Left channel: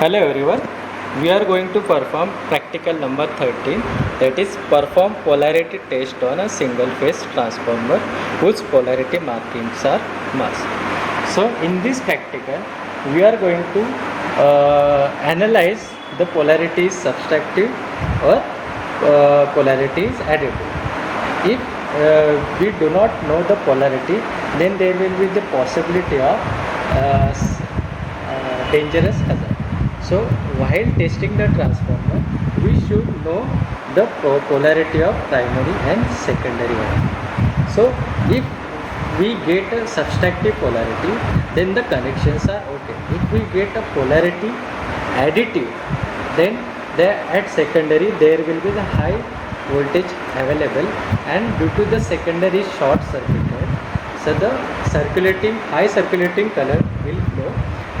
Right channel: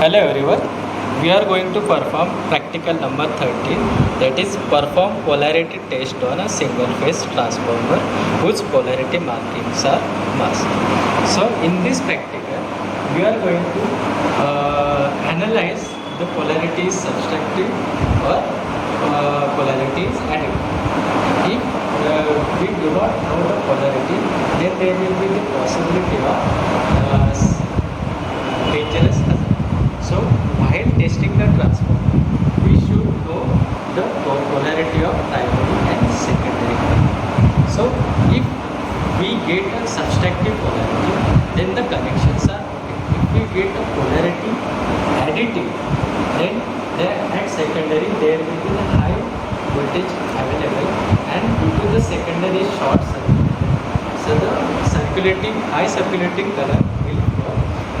Hello everyone, we are going to perform practical number 13, that is perform polarity test on a single phase transformer whose polarity markings are masked. So in this practical we are going to analyze the polarity is subtractive or polarity is additive. If we do not know the polarity, then there will be the possibility of dangerous hazard. So while testing the transformer, we should know the polarity of primary and secondary. So if we get a subtractive polarity, then the connections are okay. If we get a polarity additive, then at secondary there will be a high voltage available, and due to the secondary short circuit, so the high circulating current will flow,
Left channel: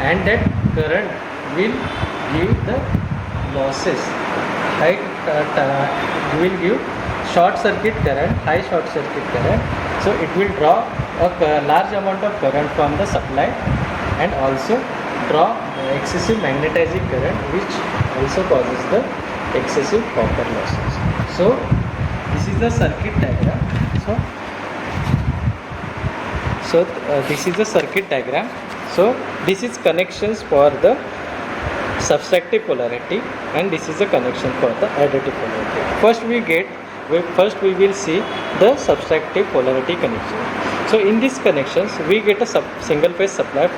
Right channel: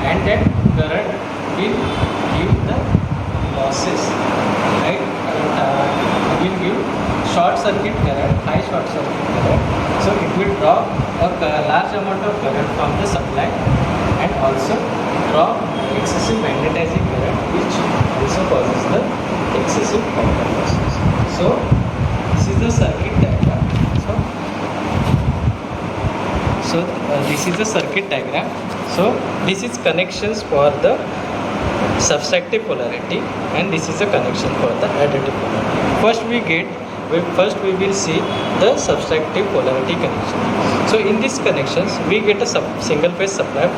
and that current will give the losses. High current will give short circuit current, high short circuit current. So it will draw a large amount of current from the supply and also draw excessive magnetizing current, which also causes the excessive copper losses. So this is the circuit diagram. This is the circuit diagram. So this is connections for the subtractive polarity, and this is the connection for the additive polarity. First we will see the subtractive polarity connection. So in these connections we get a single phase supply.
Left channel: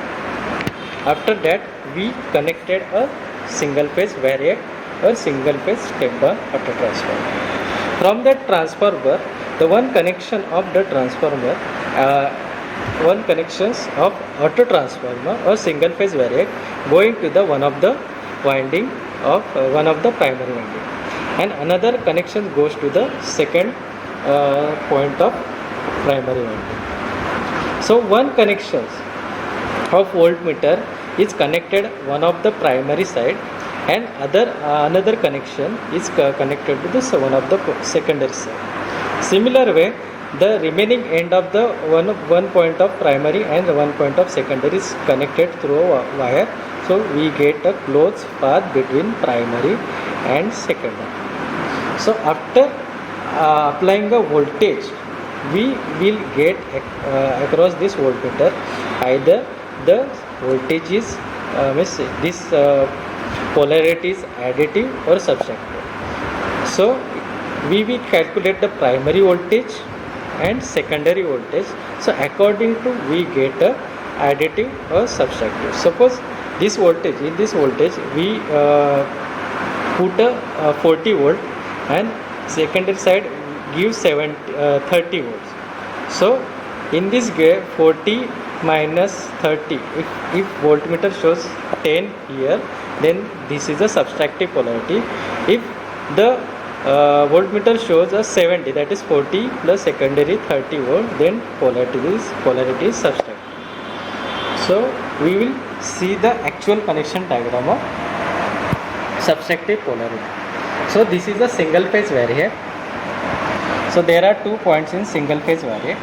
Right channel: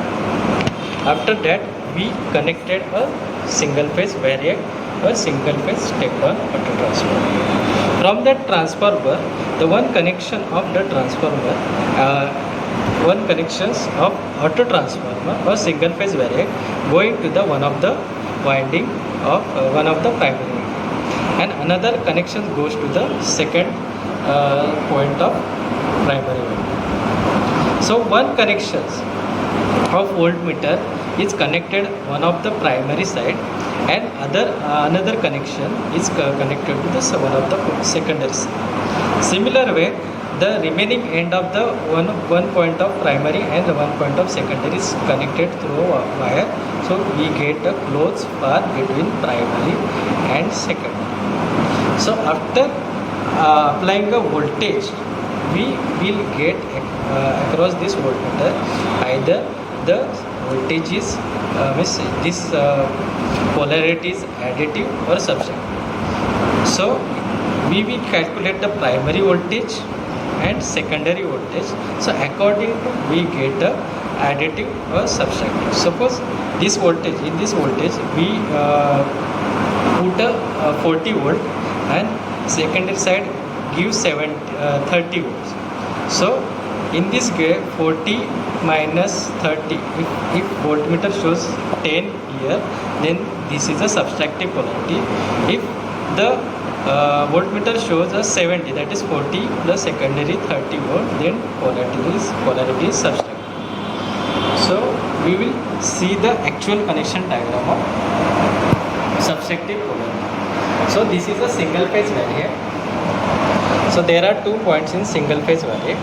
After that we connected a single phase variac or single phase step down auto transformer. From that transformer, the one connection of the transformer, one connections of auto transformer or single phase variac going to the one of the winding of one of the primary winding, and another connection goes to the second point of primary winding. So one connection of voltmeter is connected one of the primary side, and another connection is connected to the one of the secondary side. Similar way, the remaining end of the one point of primary and one point of secondary is connected through a wire. So we get a closed path between primary and secondary. So after applying the voltage, we will get across this voltmeter either the voltage is this polarity is additive or subtractive. So we will calculate the primary voltage and secondary voltage. So according to we get a additive or subtractive. Suppose this voltage, in this voltage we put a 40 volt, and secondary side gives 30 volts. So in this case 40 minus 30, if voltmeter shows 10 here, then this is a subtractive polarity. If the voltmeter shows a 70, that is 40 plus secondary 30 volt, then polarity is subtractive. So we will see the actual connection diagram of subtractive polarity. So this is a single phase variac. So there are 2 points in single phase variac.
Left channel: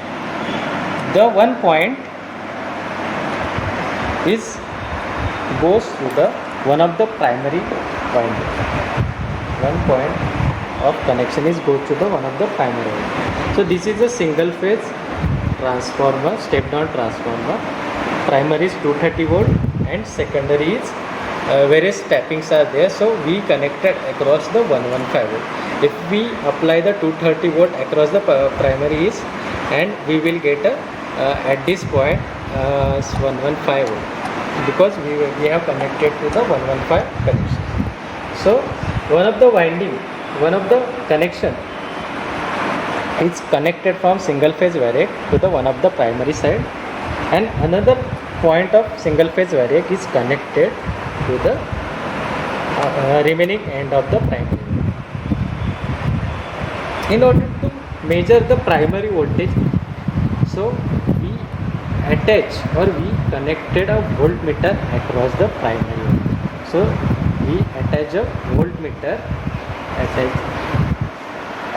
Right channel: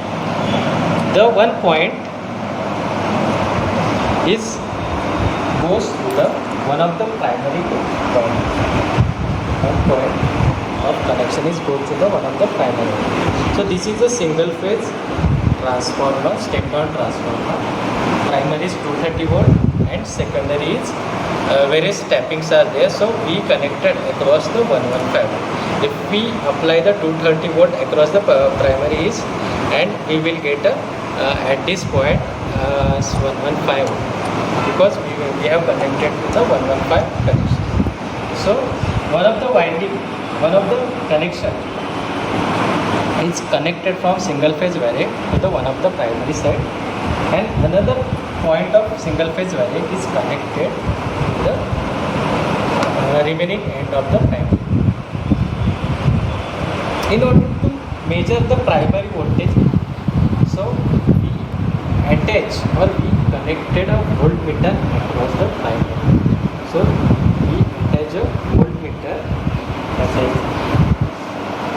The one point goes to the one of the primary point. One point of connection is goes to the one of the primary. So this is a single phase transformer, step down transformer. Primary is 230 volt and secondary is various tappings are there. So we connected across the 115 volt. If we apply the 230 volt across the primary is, and we will get at this point 115 volt, because we have connected to the 115 connection. So one of the connection is connected from single phase variac to the one of the primary side, and another point of single phase variac is connected to the remaining end of the primary. In order to measure the primary voltage, so we attach or we connected a voltmeter across the primary. So we attach a voltmeter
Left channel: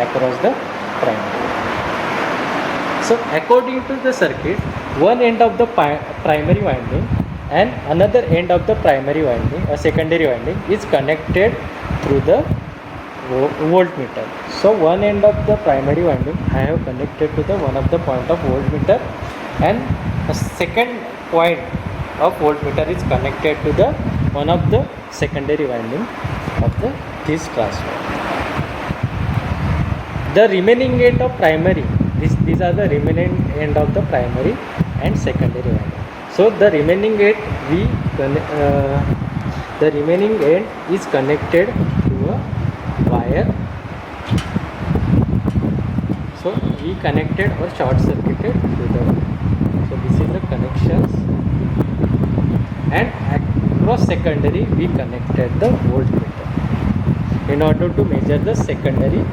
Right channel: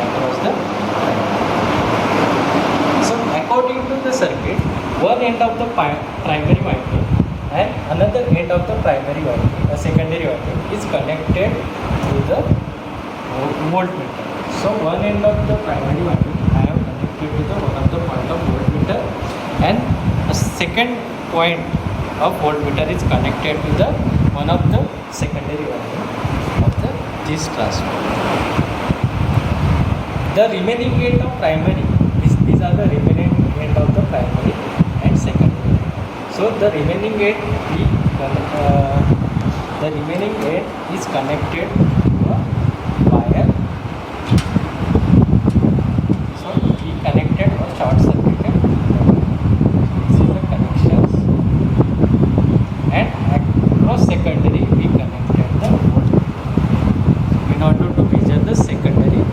across the primary. So according to the circuit, one end of the primary winding and another end of the primary winding, secondary winding is connected through the voltmeter. So one end of the primary winding I have connected to the one of the point of voltmeter, and a second point of voltmeter is connected to the one of the secondary winding of this transformer. The remaining end of primary, these are the remaining end of the primary and secondary winding. So the remaining end is connected to a wire. So we connected or short circuited to the wire. So this is the connections, and across secondary we connected the voltmeter in order to measure the secondary.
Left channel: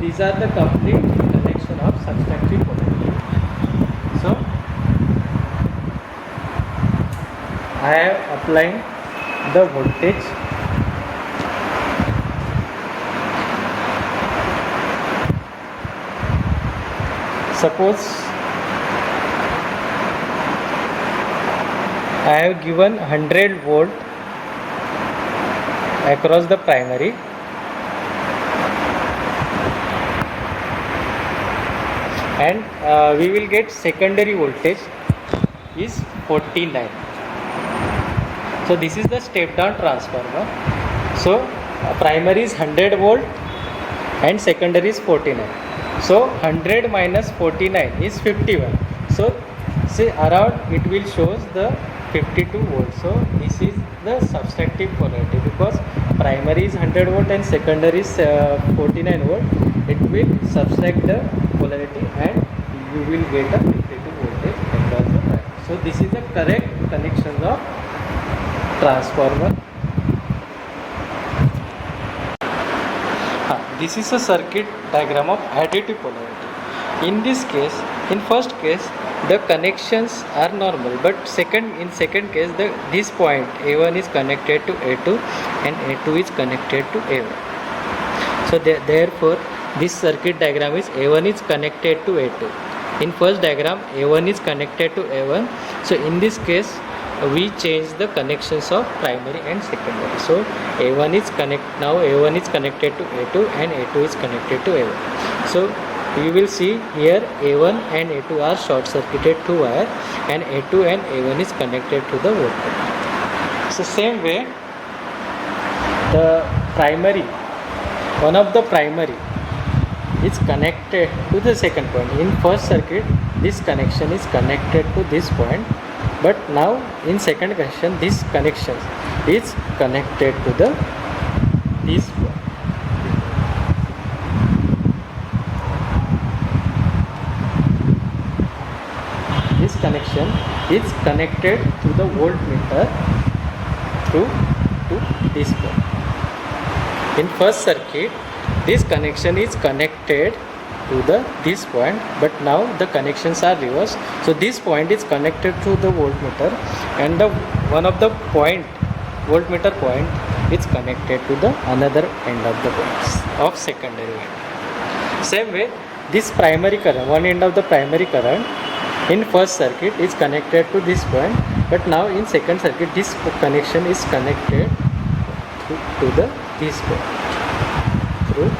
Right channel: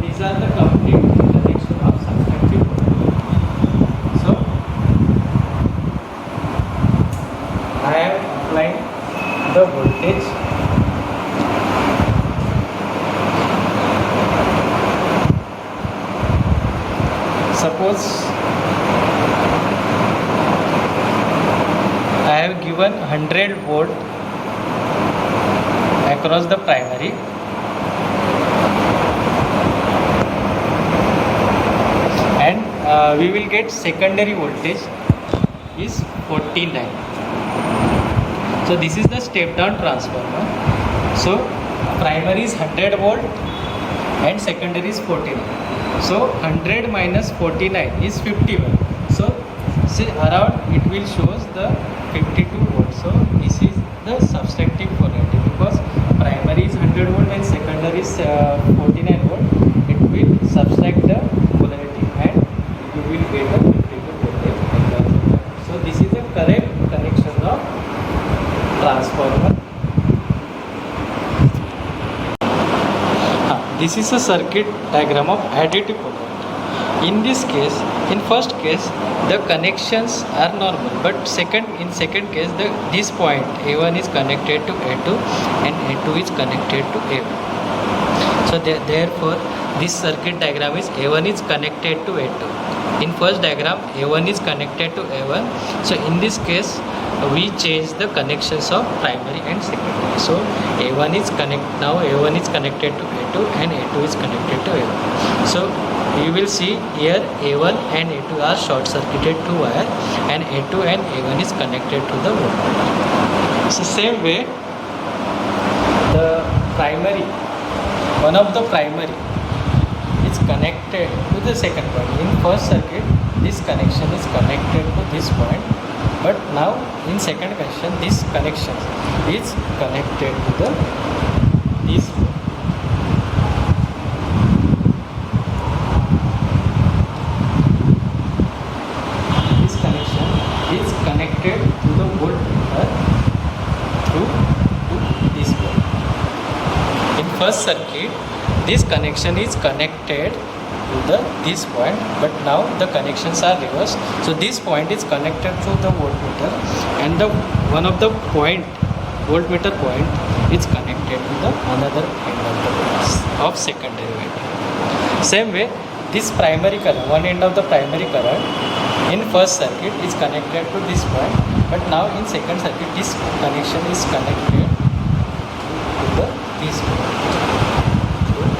These are the complete connection of subtractive polarity. So I have applied the voltage suppose I have given 100 volt across the primary, and we will get secondary voltage is 49. So this is the step down transformer. So primary is 100 volt and secondary is 49. So 100 minus 49 is 51. So see, around it will shows the 52 volts. So this is the subtractive polarity, because primary is 100 volt and secondary is 49 volt. It will subtract the polarity and you will get the 52 voltage. So this is the correct connection of transformer. This is a circuit diagram of additive polarity. In this case, in first case, the connections are normal, but in second case, this point A1 is connected to A2 and A2 is connected to A1. So therefore, this circuit diagram is A1 is connected to A2. In first diagram, A1 is connected to A1. So in this case, we change the connections of primary and secondary. So A1 is A1 is connected to A2 and A2 is connected to A1. So we will see here A1 and A2 are short circuited to wire, and A2 and A1 is connected to the voltmeter. So same way, the primary, one of the primary is connected to the second point. In first circuit, this connection is connected to this point, but now in second connection, this connection is connected to this point. This connection is connected to the voltmeter to this point. In first circuit, this connection is connected to this point, but now the connections are reversed. So this point is connected to the voltmeter, and one of the voltmeter point is connected to the another end of secondary winding. Same way, this primary current, one end of the primary current in first circuit is connected to this point, but now in second circuit this connection is connected to this point through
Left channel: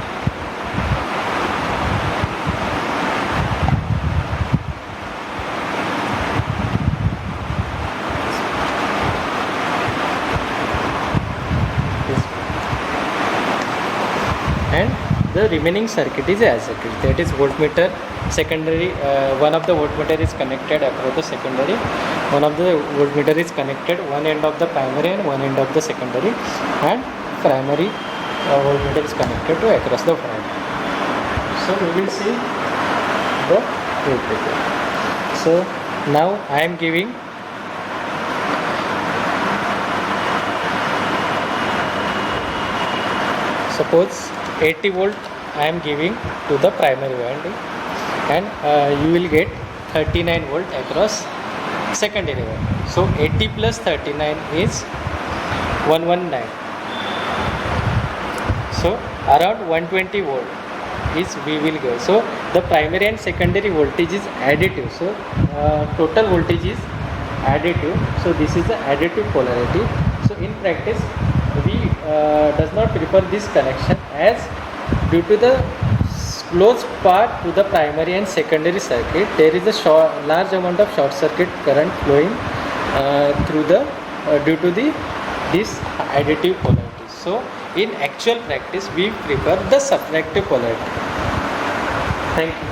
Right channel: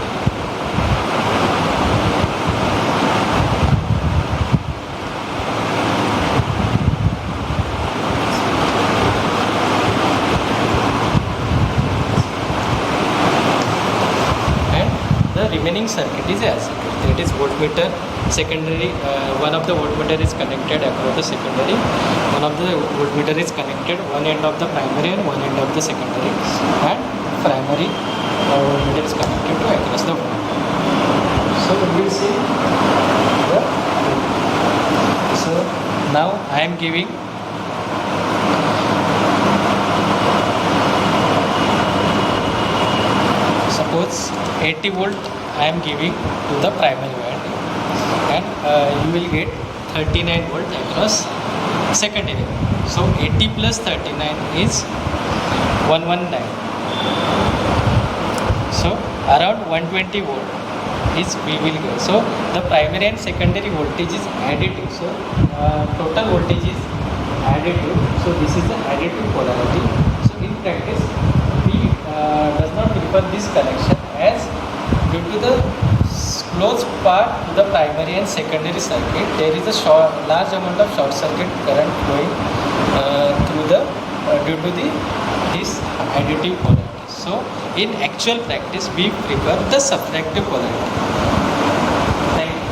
the remaining circuit is as it is. That is voltmeter secondary, one of the voltmeter is connected across the secondary, one of the voltmeter is connected one end of the primary and one end of the secondary, and primary voltmeter is connected to across the voltmeter. So we will see the voltage. So now I am giving suppose 80 volt I am giving to the primary winding, and you will get 39 volt across secondary winding. So 80 plus 39 is 119. So around 120 volt is we will go. So the primary and secondary voltage is additive. So total voltage is additive. So this is the additive polarity. So in practice, we does not prefer this connection as due to the close part to the primary and secondary circuit, there is a large amount of short circuit current flowing through the due to this additive polarity. So in actual practice, we prefer the subtractive polarity. Thank you.